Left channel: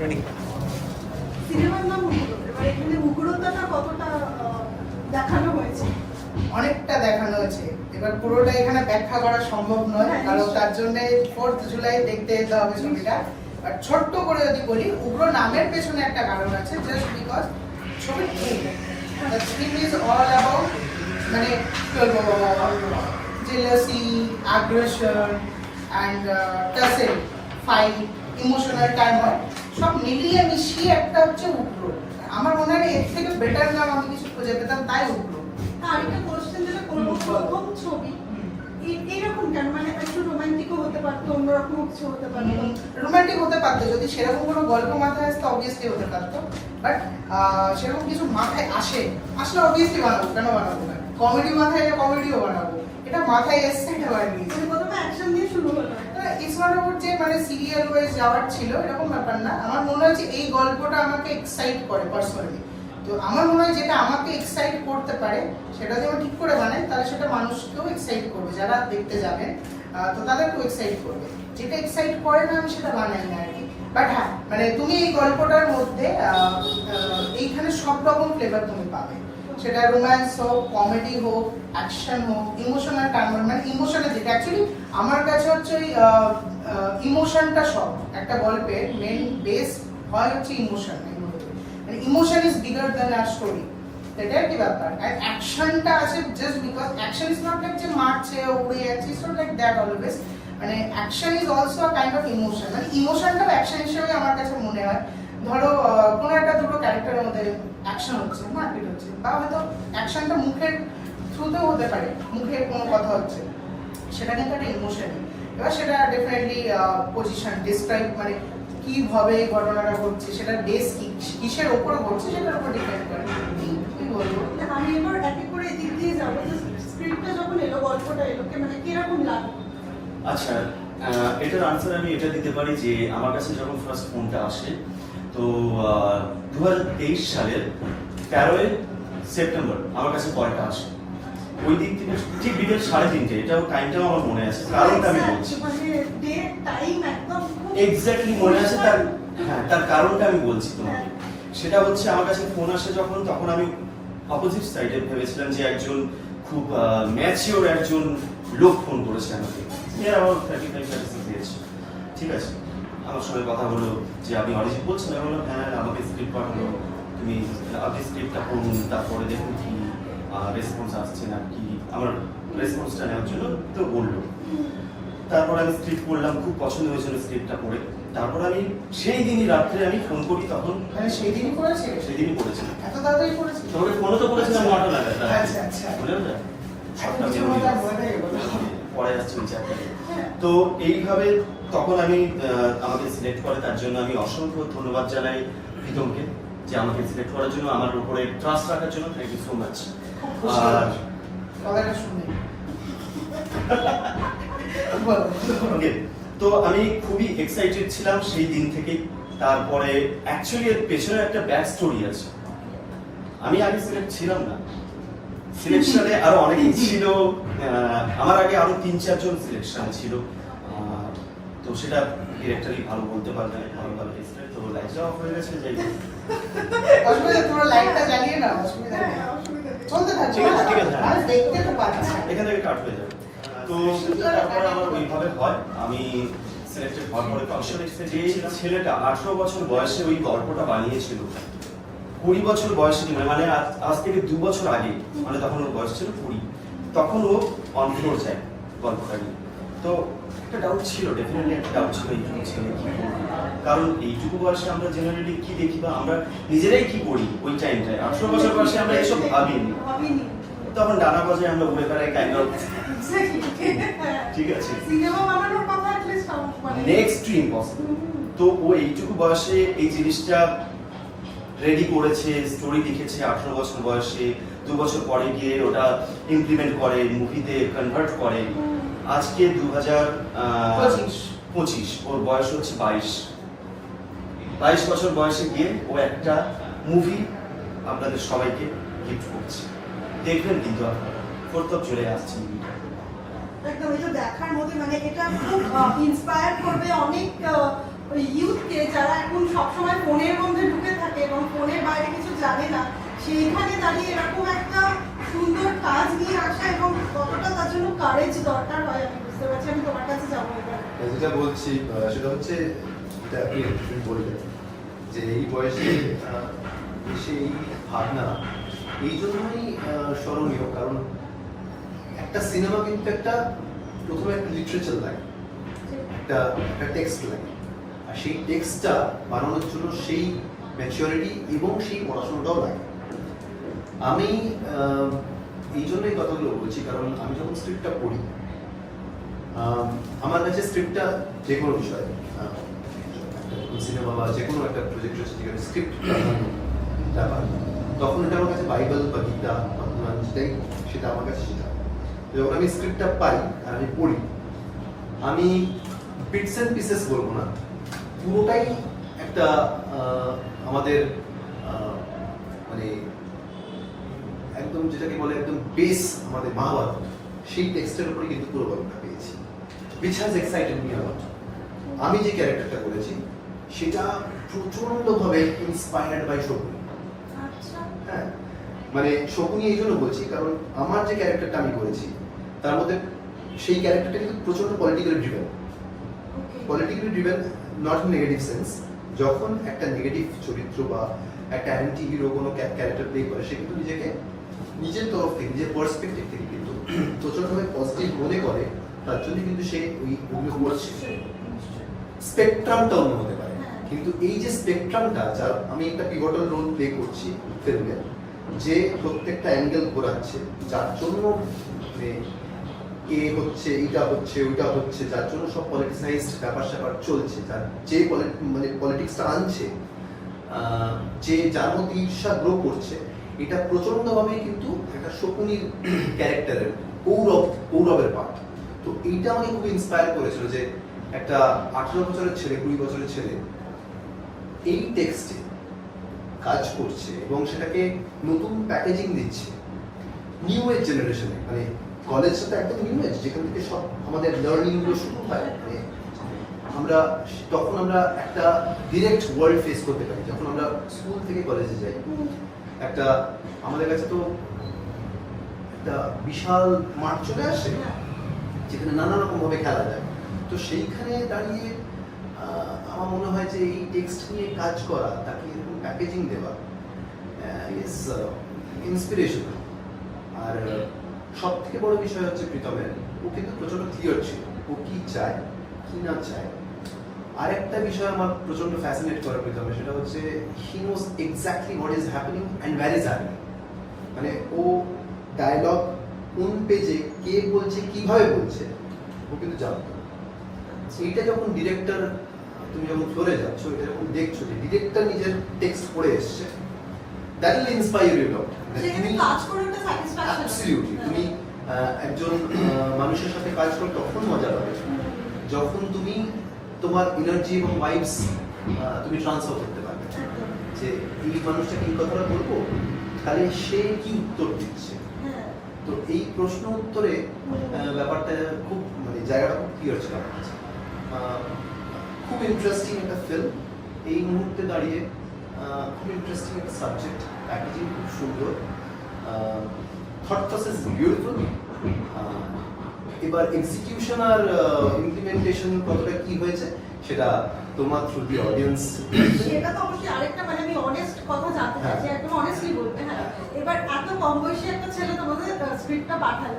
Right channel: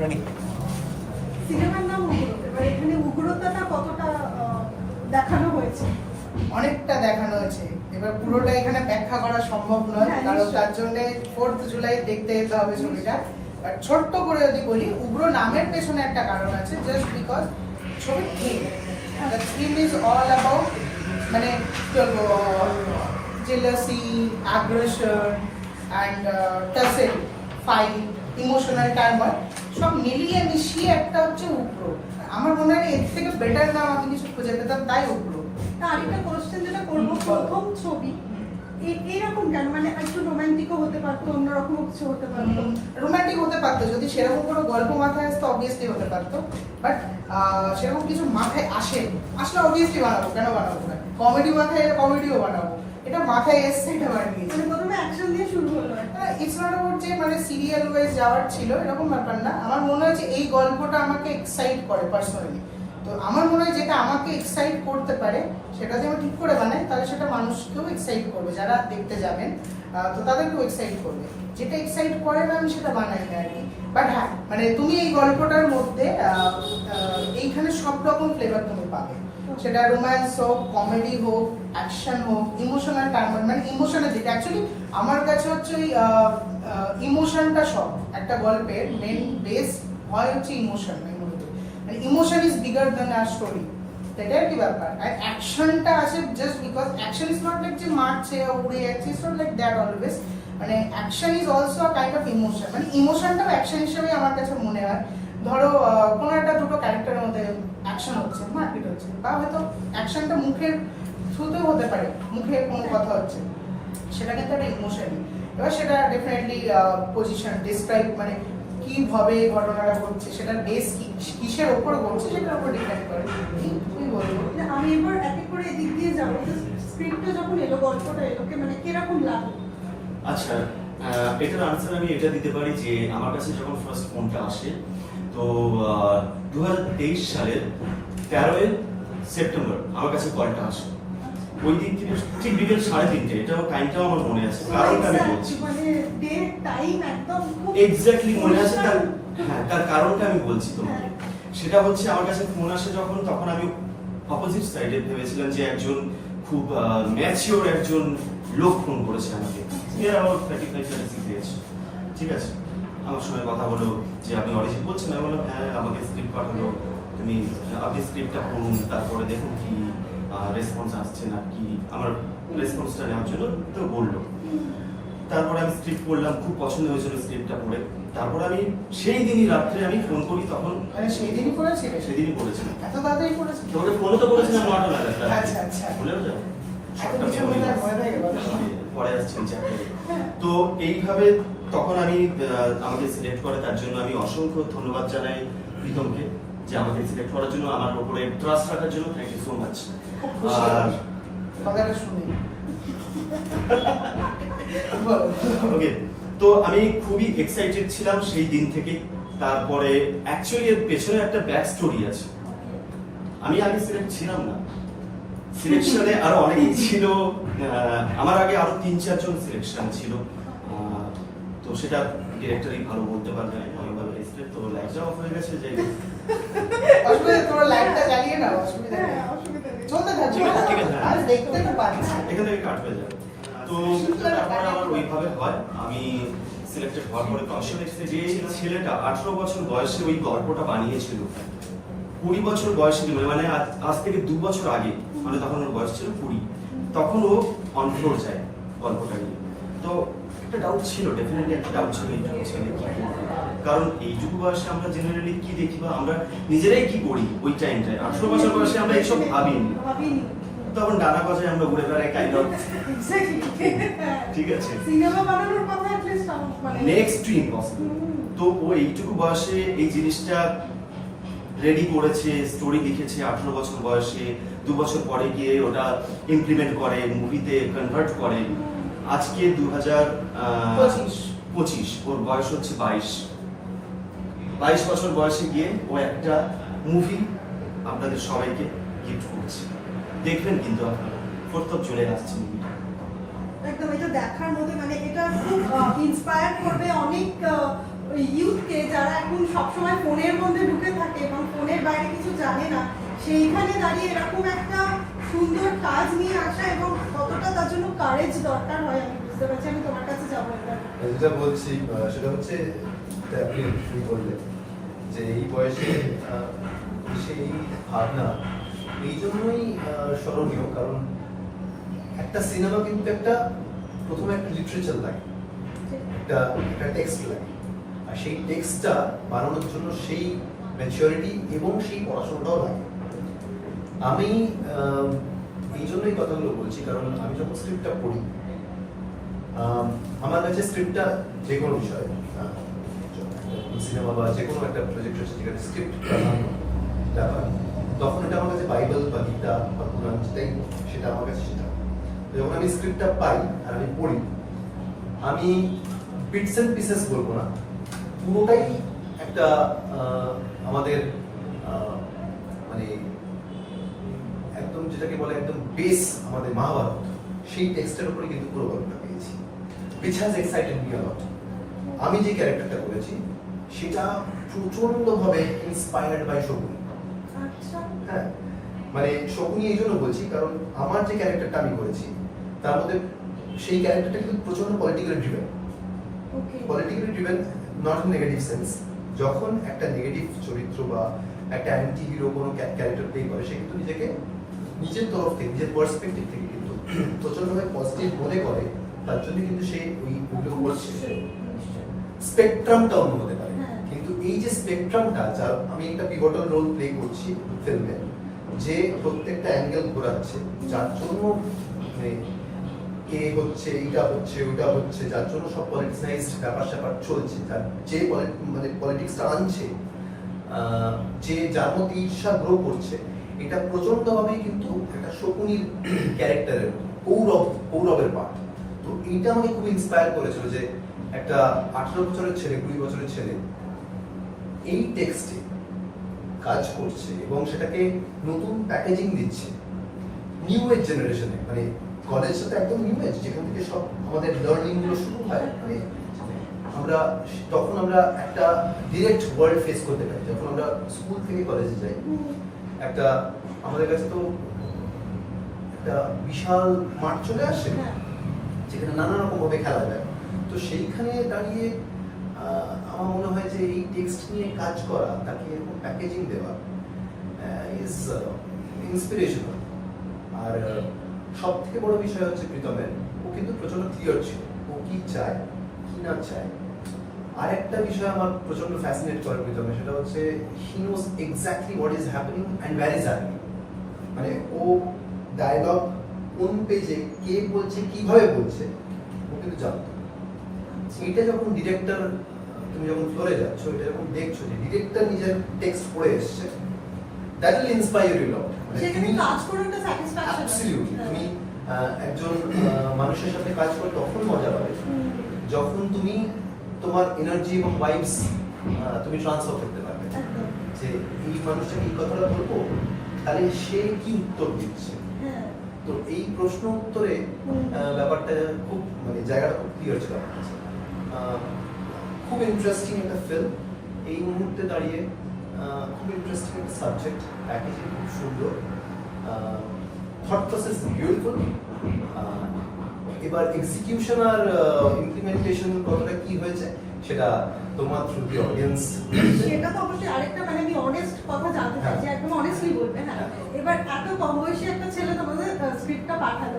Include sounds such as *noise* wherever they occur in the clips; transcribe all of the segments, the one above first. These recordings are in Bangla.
রেডি সিনেমার নাম এখানে মুগুরোতাটা কতটা দেখানো হয়েছে? অনেকটা দেখানো হয়েছে। এবার পুরোটা এখানে ব্যাখ্যা করা সম্ভব নয় হ্যাঁ, কারণ তার জন্য ফোর্থ জুলাই দেখতে যেতে হবে ছবিটা। বাট ছোট্ট করে যদি বলি উগ্র নামের পেছনে একটা কারণ আছে জাস্ট বিকজ ছবির theme theme is all about মানে jealousy aggression and tussle fight emotional time হয় সব মিলিয়ে মিশিয়ে একটা হচ্ছে উগ্র আমার মনে হয় এর থেকে বেটার নাম আমি কিছু খুঁজে পেতাম তাই উগ্র তা আরেকটা কোশ্চেন যেটা করব প্রথম ছবি এরকম কেন? মানে একটু রোমান্টিকও হতে পারতো অন্যরকম কিছু হতে পারতো। রোমান্টিক হতে পারতো যদি সেরকম কোনো গল্প মাথায় আসতো অবভিয়াসলি হতে পারতো। বাট সেরকম কিছু মাথায় আসে আসলে অবভিয়াসলি বানাবো কেন বানাবো না? কমেডি মাথায় এলে কমেডিও বানাবো। এটা মাথায় এসছে এটা বানিয়ে প্রথমে অ্যাকশন দিয়ে শুরু হলো। ইটস নট অ্যাবাউট যে মানে সিরিয়াল ওয়াইজ যাওয়ার ছিল এরকম ব্যাপার না। আমার মনে হয় যে এই গল্পটা আমাকে এক্সাইট করে পার্সোনালি তো আমার মনে হয় যেটা আমাকে এক্সাইট করতে পারে সেটা যদি আমি ঠিক করে বানাই তাহলে সেটা মানুষকেও এক্সাইট করবে যারা দেখতে যাবেন তো তাদেরকেও এক্সাইট করবে। যেটা এক্সাইট করে না আমি সেটা বানাই না আর কি। বাট হ্যাঁ মানে তুমি এই গল্পটার মধ্যে এইখানে সব রকম ফ্লেভার তুমি পাবে। সেটা রোম্যান্স হোক কমেডি হোক অ্যাকশন হোক ইমোশনাল টার্মার মানে ইমোশনের দিকে। অ্যাকচুয়ালি আমার কাছে হচ্ছে ওই ইমোশনটা সব। একটা গল্পের মেন বেস হয় হচ্ছে ইমোশন মানে ইমোশন ইজ বিগার দ্যান আর স্টোরি এটা কি ব্যাপার? আর অ্যাকশনটা আছে just because action is not like যে মারছে, উড়ে যাচ্ছে it's not like that always মানে action is also kind of emotion মানে ইমোশনটাও অ্যাকশন হিসেবেই আমার কাছে মনে হয়। ধরো কোনো একটা দুটো ক্যারেক্টারের মধ্যে অ্যাকশন হচ্ছে মারপিট হচ্ছে বা হয়তো অ্যাকশনটা মুখের থ্রুতেও হতে পারে মুখে কোনো কথা হচ্ছে সেটা কিন্তু একটা ইমোশনই এবার সেটা ডেফিনেটলি পজিশন ডিসক্রাইব মানে কীভাবে এই ঘটনাটা ঘটছে সেটার বেস কি কিসের ওপর ঘটছে সেটার উপর ডিপেন্ড করে। কি বলব? আমি এবার এক এক করে এদিক দিয়ে যাব স্ক্রিপ্টটা যখন এলো গল্পটা এলো কে মানে কীরকম লাগল? আচ্ছা এটার আনসার আমি এটা দিতে পারি যে আমার কাছে যখন ফার্স্ট ফোনটা আসে তো দু সালের তেরোই সেপ্টেম্বর আমার কাছে কলটা আসে। ওই দিক থেকে ঠিক বিকেল সাড়ে তিনটে এটাও টাইমটাও আমার মনে আছে কারণটা আমি বলছি। মানে এক্স্যাক্টলি মনে আছে তার হ্যাঁ তার কারণটা আমি বলছি তোমাকে। সেটা হচ্ছে আমার কাছে ফোন আসে যখন তখন আমি অপোজিট সাইডে ভেবেছিলাম যে একজন খুব ম্যাচিওর একজন লোক ফোন করেছে আমাকে। এর আমার থার্টি ফাইভ ঠিক আছে? আমার সঙ্গে কথা হলো যে আপনি অরিজিৎ বলছেন আমি বললাম হ্যাঁ আমাকে স্ক্রিপ্ট পাঠালো তুমি আপনি স্ক্রিপ্টটা পড়ুন তারপরে দেখুন কি রেসপন্স আসছে না কি আমার রেসপন্সটা নেওয়ার জন্য তো বলল তারপর আমি স্ক্রিপ্ট পড়লাম খুব পছন্দ হয়েছিল স্ক্রিপ্টটা পড়ে তারপর আমি সেই দিনই রাত্রে আমি ফোন করি তখন মানে সেই দিনই করেছে সেদিনই করেছিলাম এত তাড়াতাড়ি করেছে তোকে ফোনে তো বলেছিলাম নটা রাতে। আচ্ছা, আচ্ছা। হলো না? এত সবটা কিছু memory আছে। থাকে বলো। পড়ে যাচ্ছে ওই চ্যাপ্টারে হ্যাঁ। তো এইভাবে তখন আমি আমাকে সিলেক্ট করে তার জন্য আমি অসংখ্য ধন্যবাদ জানাই প্রীতমকে যে আমাকে সিলেক্ট করার জন্য আমার উপরে ট্রাস্ট রাখার জন্য। Thank you so much okay তো আমি খুবই এক্সাইটেড ছিলাম সেই দিন থেকে। তারপরে অ্যাকচুয়ালি এর পেছনে একটা ব্যাক স্টোরি আছে। আমি আগে সিলেক্ট ছিলাম না। সিলেকশনে আরও অনেকেই ছিল। আমার আগে আরও তিন চারজন সিলেকশন ছিল। তো সেটা ডিরেক্টরই ভালো বলতে পারবে না ভালো ভালো এসছে তো লাইটটা অফ হয়ে গেছে যাই হোক। অসুবিধা তোমরা লাইটটা জ্বালিয়ে নাও অসুবিধা নেই। হ্যাঁ। চলতে থাকবে আছে, আর দেখতে তো পাচ্ছি। এখান থেকে কাট হয়ে যাবে। তো তারপর আমার ওইভাবে হয়। আমি সিলেক্টেড হওয়ার পরে কমিশন এসে যে ছেলেটা আঠারো বছর বয়সে ওই গল্পটা বানিয়েছিল কুড়ি বছর বয়সে মানে আজ- আজ থেকে দু বছর আগে মানে তখন ওর বয়স ছিল কুড়ি। তখন ও অন ফ্লোর যায় গল্পটা নিয়ে। তো একটা ডাউট ছিল ডেফিনেটলি একটা ডাউট ছিল এইটুকু ছেলে কারণ এইটুকু বয়সে আমরা জেনারেলি কি দেখি বা আমরা নিজেরাই কি করি ওই টাইমটায় আঠারো বছর বয়সে আমরা ভাবিনি। ভাবিনি। তখন ডানা আমরা উড়ে বেড়াই কাইন্ড অফ ঠিক আছে। সিনেমা বানানোর কথা নেক্সট টু ইম্পসিবল তো ও এইটুকু বয়সে এই জিনিসটা রেডি করেছে স্টোরি লিখেছে আঠারো বছর বয়সে। দু বছর পরে গিয়ে ওটা ইমপ্লিমেন্ট করে মুভিতে কনভার্ট করে। আজকে দু হাজার পঁচিশ। ওর বয়স হচ্ছে বাইশ। বাইশ বছর বয়সে গিয়ে ও একটা মুভি আপনাদের সবাইকে গিফট করছে। দেখবেন কিন্তু আপনারা। ফোর্থ অফ জুলাই আসছে। মুভিটা একদম এটা দেখার মতো মানে এটা খুব ইন্সপায়ার করবে অনেক ইউথকে যারা এখন সবসময় ফোনের মধ্যে ঢুকে থাকে এবং ফোনের বাইরে কিছু জানে না। সেইখানে দাঁড়িয়ে এরকম একটা সুন্দর কাজ নিয়ে আসা এবং কতটা তার জন্য কারেজ দরকার হয়, আমি বুঝতে পারছি, আমি তোমার কাছে যাব যেটা বলছি সেটা হচ্ছে আপনি শুরু বললেন যে এই বয়সে সেই ভাবনা, এই জন্যই স্মরণীয়, কারণ একটা সিনেমা কিন্তু একটা প্রথমে একটা লিটারেচার লাগে, একটা একটা টেক্সট লাগে। আর সেই টেক্সটটা বানানোর জন্য সেই ম্যাচিউরিটি এবং সেই পড়াশোনাটাও লাগে। আমি এই জন্যই কথাগুলো বলছি, কারণ আমি যখন স্ক্রিপ্টটা পড়ি আমার কাছে স্ক্রিপ্টটা যে কোনো বিষয় সিনেমা বা যে কোনো একটা প্রজেক্ট হচ্ছে যেখানে স্ক্রিপ্ট ব্যাপার তখন ওটা আমার কাছে বাইবেল বা গীতা বা কোরআন যেটাই, সেটা আমার কাছে সেটা। যখন আমি স্ক্রিপ্টটা পাই আর আমি পড়ি, আমি বিটস এন্ড পিসেস বলব না, পুরোটাই একটা আমাদের মানে একদম যেটাকে বলে একদম বেস আমাদের মহাভারত সেই টেক্সটের উপরে কিন্তু পুরো গল্পটা পেয়েছি। Which has excited me about আমি যে ক্যারেক্টারটা করেছি সেটা প্রচন্ডভাবে ইন্সপায়ার্ড বাই শকুনি হ্যাঁ মানে শকুনি এই জন্য বলছি কারণ আমার যে ক্যারেক্টারটা আমি করেছি তার মধ্যে সেই ক্যারেক্টারটা কিন্তু প্রচণ্ড politically driven politically driven not in negative sense যখন একটা নেগেটিভ চরিত্র বা একটা অ্যান্টি হিরো কোনো ক্যারেক্টার প্লে করে সে কিন্তু নিজেকে নিজের তরফ থেকে নিজের পার্সপেক্টিভ থেকে কিন্তু প্রচন্ডভাবে পজিটিভ মনে করে তার জন্য কিন্তু সে ওই ওগুলো। স্পেকট্রামটা অন্য হতে পারে হ্যাঁ। কিন্তু এই যে স্পেকট্রামটা যার আমি একটা পিভটাল রোল প্লে করছি ফিল্মে যে প্রত্যেকটা অ্যাঙ্গেল ঘোরাচ্ছে যার জন্য মানে এ হচ্ছে এটা হচ্ছে ওইটা হচ্ছে যার জন্য সব পলিটিক্সাইজড ব্যাপার স্যাপার চলছে যার যে মানে পলিটিক্সটা আনছে যে যার মধ্যে ঈর্ষা গ্রো করছে এটা প্রচন্ডভাবে কিন্তু একটা শকুনির ক্যারেক্টারের কৌরব, কৌরবের পাঠ। তো এইটা আমাকে খুব ইন্সপায়ার করেছিল যে একটা আঠারো বছরের ছেলে, কুড়ি বছরের ছেলে এই টেক্সটে কাজ করছে এবং সেটাকে নতুন প্যাকেজিং দিচ্ছে। নিউ এজ জেনারেশনে মানে কলেজটা তো একদম নিউ এজ যেখান থেকে সব আমাদের লার্নিংগুলো শুরু হয় মানে আমরা তখন আমরা একটা ডিরেক্ট ওয়ার্ল্ড ফেস করতে পারি, যখন আমরা স্কুল থেকে কলেজে যাই। একটা আমাদের কাছে তো একটা বিশাল মাঠ চলে আসে হ্যাঁ। যেখানে নানা রকম ভাবে খেলা যায়। তো সেইখানে দাঁড়িয়ে আমার মনে হয় যে এই টেক্সট নিয়ে কাজ করা তাকে এরকম প্যাকেজিং দেওয়া ইজ ইন্সপিরেশনাল আর সব থেকে বড় বিষয় হচ্ছে প্রীতমের। ও কিন্তু প্রচণ্ড ক্লিয়ার ছিল। ও কি চায় কি না চায় আরেকটা বিষয় আমার প্রচণ্ড ফ্যাসিনেট করে প্রীতমে সেটা হচ্ছে he knows exactly what is happening and where is happening মানে ও ডায়লগ কোন পেজে কে বলছে কীভাবে বলছে ও কিন্তু জানতো এইটা যখন ডিরেক্টর তুমি যখন ফ্লোরে যাচ্ছ এটা যখন দেখছ যে ডিরেক্টর নিজের টেক্সট পড়ে এসছে that will inspire you lot সেখানে কাজ করে একটা স্যাটিসফ্যাকশন তুমি একজন মানুষের সাথে কাজ করে তখন মজা পাবে। যখন তুমি তোমার এনার্জি এবং ভাইবস তুমি ট্রান্সফার করতে পারবে। যে এই মানুষটা কি কথাটা বলব? তাহলে সে কি উত্তর দিচ্ছে? হ্যাঁ। তো এই প্রশ্ন উত্তরে ব্যাপারটা খুব মানে জায়গাটা খুব ক্লিয়ার ছিল আমার কাছে। খুব ইন্টারেস্টিং একটা ফিল্ম এই মুহূর্তে দাঁড়িয়ে খুব ইন্টারেস্টিং একটা সাবজেক্ট প্যাকেজিং খুব সুন্দর। থট প্রসেস বিউটিফুল এবার এক্সিকিউশন আর ইমপ্লিমেন্টেশন কতটা কি হয়েছে সেটা তোমার থ্রু দি অডিয়েন্স সেটা তো অবশ্যই আরেকটা মানে আমি অনেস্ট কথা জানতে। চাইছি একদম অনেস্টলি বলবে হ্যাঁ এবার এত কম বয়সী একটা ছেলে তোমাদের স্ক্রিপ্টটা পাঠালো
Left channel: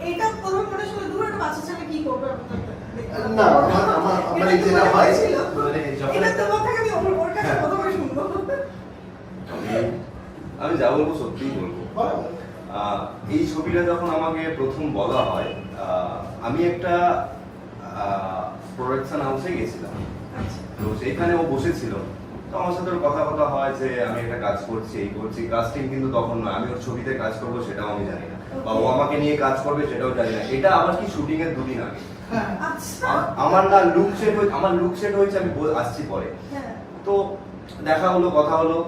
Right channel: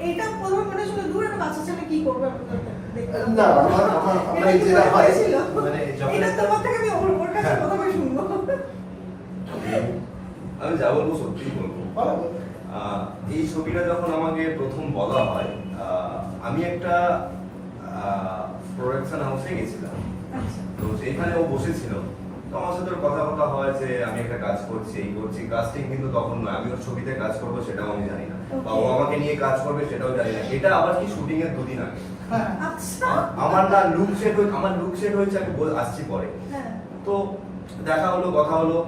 এইটা প্রথমে মনে ছিল দূর একটা বাচ্চা ছেলে কি করবে। না, আমার- আমার- আমার এটা যেটা হয়, হয়েছিল? মানে যখন এটা তোমার থেকে আমি ওর কাছে হ্যাঁ। প্রথমে শুনব আমি যা বলব সত্যিই বলব আহ, এই ছবিটা যখন আমাকে প্রথম বলা হয় আমি একটা প্রোডাকশন হাউসে গেছিলাম। আচ্ছা। তো সেইখানে ও বসেছিল তো আমার সাথে কথা কথা হয় যে আমি একটা কাজ করছি এই করছি। কাজটি কিন্তু তখন না আমি ওর ছবিতে কাজ করব সেটাও আমি জানি না। বা ও আমাকে নিয়ে কাজ করবে সেটাও জানি না। এটা আবার কি শুটিং এর দুদিন আগে। হ্যাঁ। আচ্ছা। আমার না লুক সেট আমার লুক সেট হয়েছে আমি আসছি পরে। হ্যাঁ। তো দেখা হলো কথা হলো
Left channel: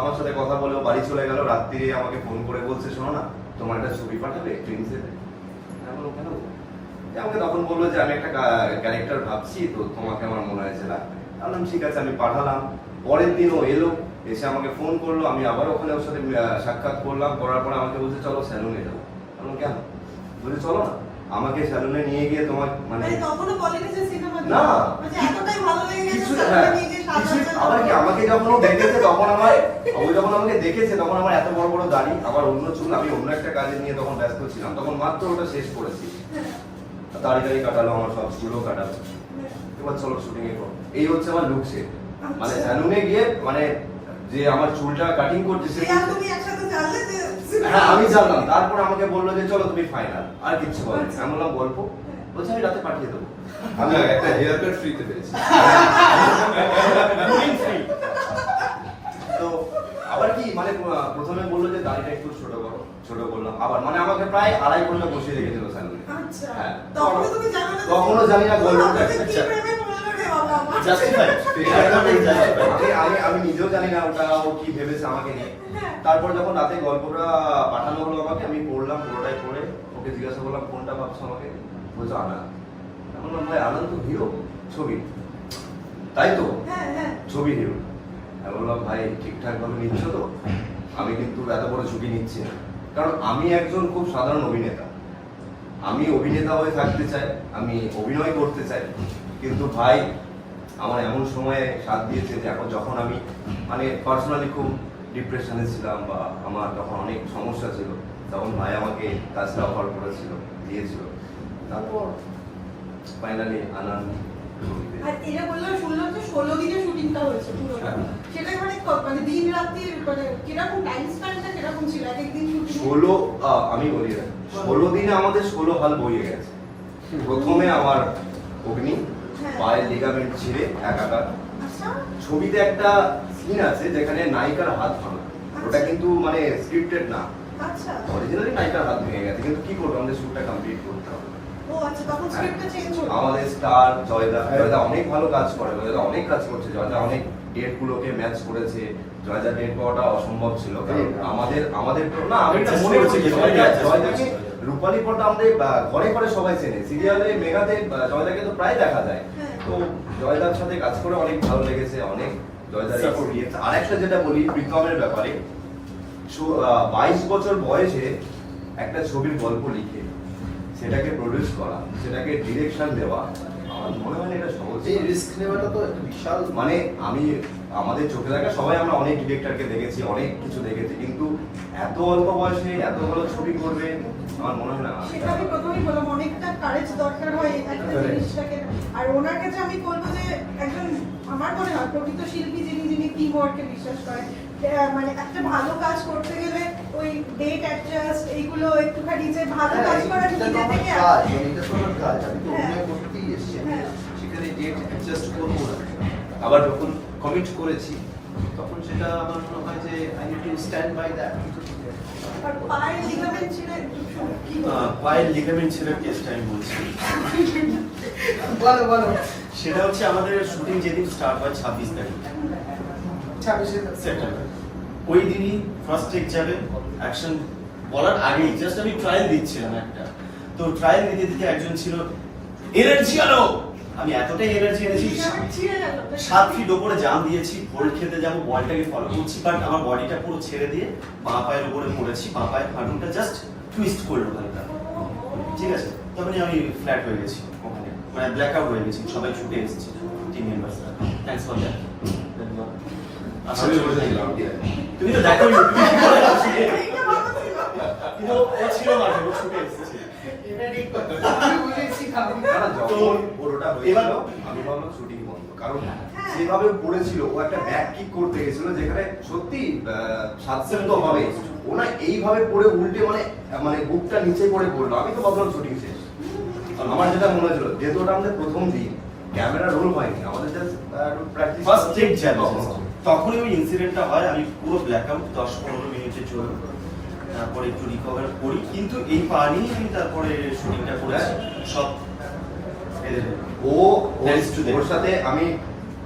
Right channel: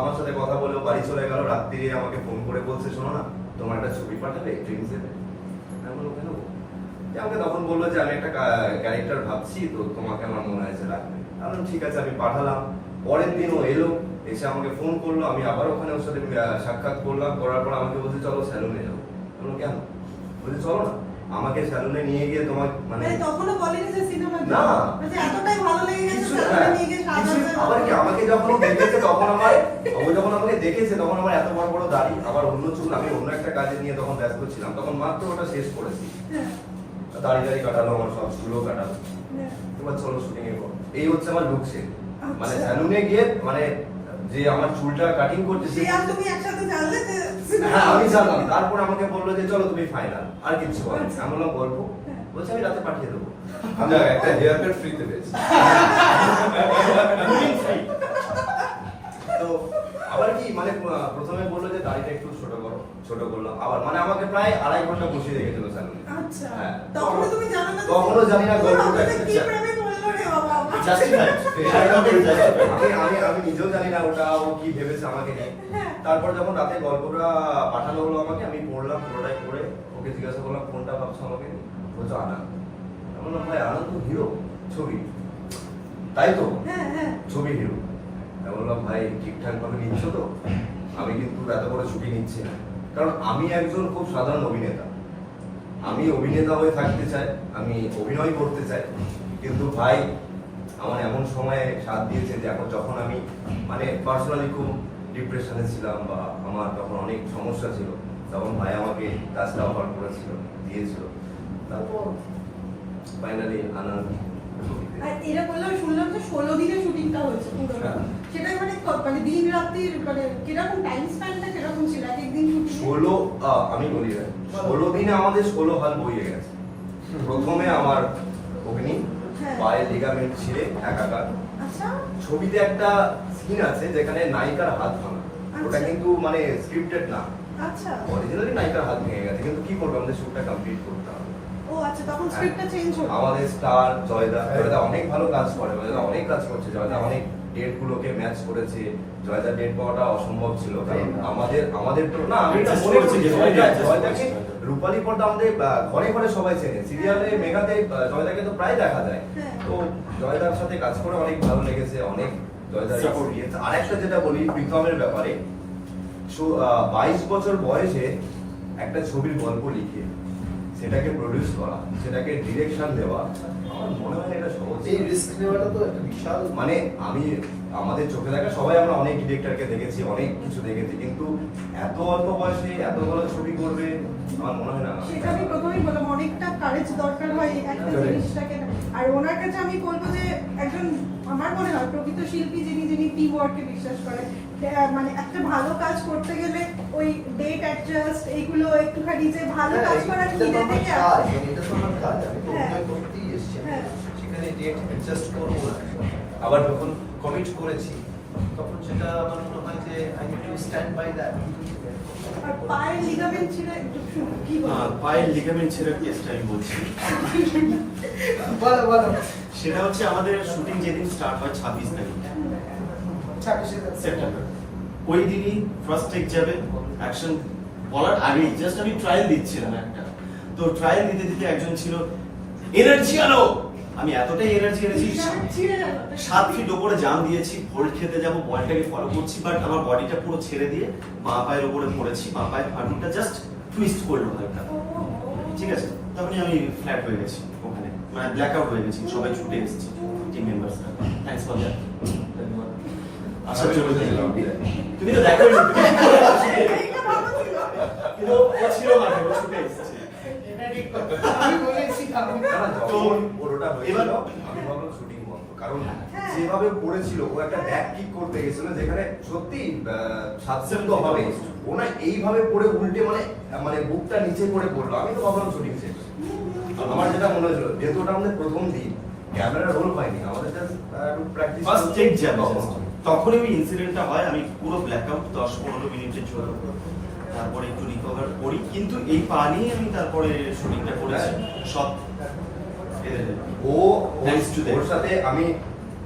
আমার সাথে কথা বলে বাড়ি চলে গেল। রাত্রিরে আমাকে ফোন করে বলছে শোনো না তোমার একটা ছবি পাঠাবে ট্রেন্সে আমাকে তখন বলল যে আমি একটা ক্যারেক্টার ভাবছি তো তোমাকে আমার মনে হয়েছে লাগবে বললাম ঠিক আছে আমি পাঠালাম। পরের দিন ও এলো এসে আমাকে ফোন করল আমি আবার ওখানে ওর সাথে সাক্ষাৎ করলাম করার পর আমাকে বলছে চলো স্যালুনে যাব আমি কেন? বলছে চলো না আমাকে স্যালুনে নিয়ে গিয়ে তোমার মানে তখনও বলেনি যে সিনেমা না। এতটাই ভালো লেগে গেছে হ্যাঁ, নিয়ে গিয়ে আবার কি আমাকে যখন দেখেছে তখন আমার ও যখন আমাকে দেখেছে তখন আমার এত বড় বড় দাড়ি আবার অন্য চুল আমি অন্য একটা কাজে নিয়ে তখন ব্যস্ত ছিলাম। তখন মাত্র ওটা শেষ করেছি। দাড়ি কাটালো আমার সব চুলও কাটালো। এবার চলো শুটিং এ করো। এই হচ্ছে আমার লুক সে মানে আচ্ছা। স্যালুনে গিয়ে মানে যে আমার চুলটা কাটিং করতে সে আর তুমি একসাথে জানলে যে হ্যাঁ আমি জানলাম তারপর আমাকে বলল যে চলো তুমি ফাইনাল আর কিছু বলো আচ্ছা। আমি বললাম গল্প। বলছে আমি রাতে পাঠিয়ে দেবো। আমি একটা হেয়ার কাট ফ্রিতে পেয়েছি তো আবার কি মানে প্রথমে বলল যে দাড়িটা একটু ছোট করো ছোট করলাম। আবার মানে আমাকে প্রায় আড়াই ঘণ্টা বসিয়ে রেখেছিল আচ্ছা। হ্যাঁ। তখনও তুমি জানো না তখনও জানি না গল্পটা ভাবছ যে কি আচ্ছা। জাস্টিফাই *laughs* আমি নিজেও জানি না ওটা ও কি ভেবেছে আমাকে নিয়ে। হ্যাঁ। তারপর যখন রাতে গল্পটা পাঠানো হলো আমাকে আমি পড়লাম পুরোটাই পড়ে। ওকে জিজ্ঞাসা করলাম কোনটা ভাবছ আমাকে? বলছে আনন্দ। বললাম ভাই আনন্দ হিরো ছবি। তাই তো? হ্যাঁ ছবি হিরো। আমি বললাম ভাই ঠিকঠাক ভাবে নিচ্ছ তো? আমি কিন্তু এত বড় ছুটি নিচ্ছি না। কারণ আমি একজন খুব সাধারণ অভিনেতা। আমি অভিনেতা হয়ে থাকতে চাই আমি অভিনয় করতে চাই কিন্তু ভাই আমার এমন সময়ে সাথ দিয়েছে যে এখন যখন আমি মানে পার্সোনালি খুব ডিপ্রেশনে ছিলাম বা আমার তখন অনেক সমস্যা ছিল তখন ভাই আমাকে কাজটা অফার করেছিল দিয়েছিল। তারপর ফাইনালি আনন্দ এরা বলল শুনলাম যে ষোলো দিনে শুটিংটা হয়েছে পুরোটা। হ্যাঁ। মানে মানে দিন রাত্রির মানে কীরকম টাইম স্প্যানটা কীরকম ছিল? এক একদিন ষোলো আমি বলি না, ষোলো দিনে আমাদের ষোলো হাল বইয়ে গেছে। প্রথমে আমার অগ্নি হ্যাঁ। পায়ের লিগামেন্ট ছিঁড়ে একাকার। আচ্ছা। ছবিতে একটা সিন আছে যেখানে নায়িকার হাত ভাঙা। ওটা কিন্তু মানে স্ক্রিপ্টেড না। আচ্ছা। অরিজিনালি নায়িকার হাত ভেঙে গেছে কিন্তু কি করব? আমাদের শুটটা কমপ্লিট করতে হবে। ও আচ্ছা তখন স্ক্রিপ্টটা চেঞ্জ হলো। আমাদের স্টার জয়দা। জয়দা অনেক ভালো কাজ করে জয়দা অনেক কাজ করছে জয়দা অনেক ডেট গুলোকে ম্যাচ করেছে জয়দা ডেট পাওয়াটা অসম্ভব ছিল কারণ আমাদের আমাদের তো না আমি এটা মনে করছি যে। রূপালী পর্দা আমাদের ঘরে ঘরে সবাই চেনে। সিরিয়ালে মেঘাতে জয়দাকে তো প্রায় দেখা যায়। হ্যাঁ। তো জয়দার সাথে কাজ করে অনেক ভালো লেগেছে অনেক জয়দার আরেকটা যেটা বলি প্রীতমের ব্যাপারে। বাইশ বছর বয়সে একটা ছবির গল্প লিখে সেটাকে প্রডিউস করা সেটাকে ডিরেকশন দেওয়া আমার মনে হয় এটা রিস্ক নেওয়াটা তো বিশাল। মানে আমি আমাদের চোখে দেখা সবাই আমরা অনেক ডিরেক্টরকে দেখেছি অনেক কিছু দেখেছি কিন্তু এত অল্প বয়সে এত ভালো ছবি করবে আমার মনে হয় না। সেটা আমি প্রথমেই বললাম অনেকটা কারেজ দরকার হয় একটা জিনিসটাকে। আর ওনার কাছে আমি বলব যে একজন আমার মনে হয় প্রকৃত শিল্পী যিনি যিনি টিম ওয়ার্কে বিশ্বাস করে মানে একটা ভালো কাজ করতে গেলে ওই ডেট অ্যাডজাস্ট এইগুলো একটুখানি যে ভালো কাজ করা হ্যাঁ, এটা তো নিজে থেকে কাজ, সেখানে ডেট অ্যাডজাস্ট করব। না আবার যখন কমিট করেছি তখন সেটা আমার মনে হয় যে I need to stand by that পায়ের লিগামেন্ট ছিল কি বলব? আহ, পায়ের লিগামেন্ট ছেঁড়ার কেসটা আমি বলছি? বলো বলো। সেটা হচ্ছে আমাদের শুটিং যেদিন স্টার্ট হয় ছাব্বিশ তারিখ। ছাব্বিশে সেপ্টেম্বর। ওই দিনই ফার্স্ট টেক যাবে অ্যাকশন বলার আগেই জাস্ট আমি ট্রায়াল দিচ্ছিলাম একটা। তো ট্রায়াল দিতে দিতে একজন ছিল এনার্জি আলো। আমি এতটাই এনার্জি এনেছি। লিগামেন্ট ছিঁড়ে সাত ফিট ওপরে জাম দিয়েছি হোল্ড খেতে যাব বলটাকে ফলো করছি বাট আমার বডিটা পুরো ছেড়ে দিয়ে মা পায়ের উপরে পড়েছি মা পায়ের হাঁটুটা জাস্ট টুইস্ট করল ভাইটা ঠিক আছে? তখনই আমি ফ্ল্যাট হয়ে গেছি। মানে ব্ল্যাক আউট হয়ে গেছি। সবাই ছুটে এসেছে টিম মেম্বার্সরা থ্যাঙ্কস ফর দ্যাট আশা করি তুমি তো দেখো। *laughs* কিন্তু ও ছিল মাঠে ছুটে এসেছে। আমি বলেছিলাম না, যখন পুরোটা এবার- আমি ভাবলাম শুটিং বন্ধ কারণ হ্যাঁ। যেভাবে পড়েছিল ও একটা ব্যাক কিক করতে গেছিল যেখানে সত্যি সাতসেন তো হবে। ও না এইভাবে পড়ে উল্টে মানে মানে বুকটা নিচে পড়ে পড়ল। আমি তো ভাবলাম শুটিং শেষ। আমার যেটা মনে হয়েছিল যেহেতু ওটা আমাদের প্রথম দিন ক্যামেরা রোল হয়নি। আমাদের জাস্ট একটু প্র্যাকটিস ফার্স্ট টেক যাবে তখনই ওই ইনসিডেন্টটা হয় আমি পুরো ব্ল্যাক আউট দশ পনেরো মিনিটের জন্য তারপরে একটু রিকভার করি। কিন্তু এই পা নিয়ে আমি তারপরে শুটিংটা করেছি। সব ফেলে দেব। ও to ওর- সাথে আমি